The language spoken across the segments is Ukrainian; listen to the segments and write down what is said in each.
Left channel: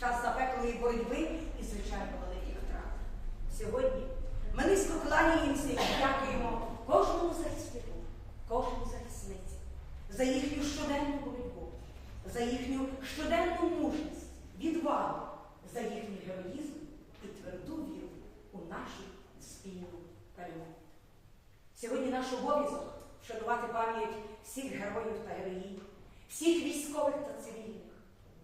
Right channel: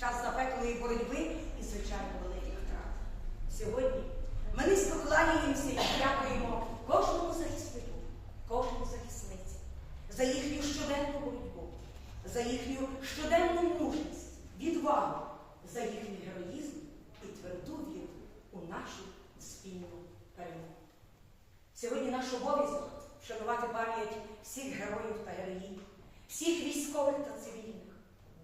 час запеклої боротьби і, звичайно, великих втрат. Сьогодні ми низько кланяємося і дякуємо кожному захиснику, кожній захисниці за їхню щоденну боротьбу, за їхню щоденну мужність, відвагу, за їхній героїзм і тверду віру у нашу спільну перемогу. Сьогодні наш обов'язок вшанувати пам'ять всіх героїв та героїв, всіх військових та цивільних,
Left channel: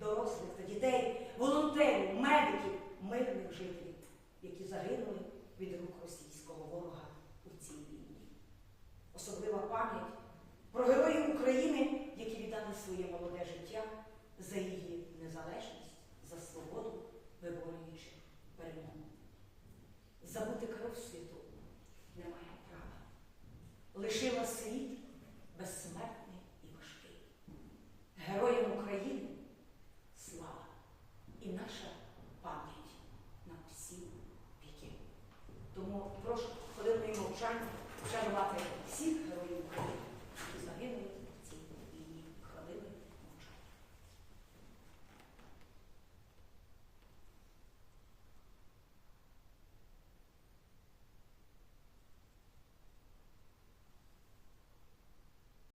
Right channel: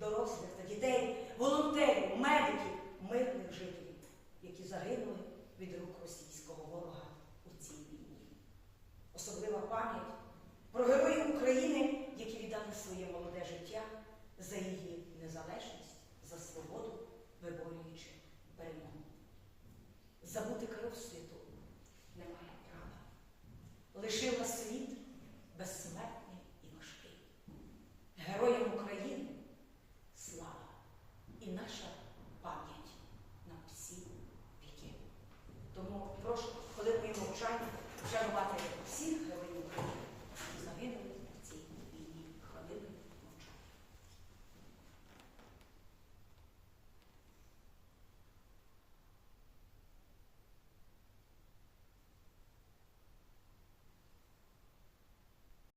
дорослих та дітей, волонтерів, медиків, мирних жителів, які загинули від рук російського ворога у цій війні. Особлива пам'ять про героїв України, які віддали своє молоде життя за її незалежність, за свободу, виборюючи перемогу. Забути кров світу немає права. Лишили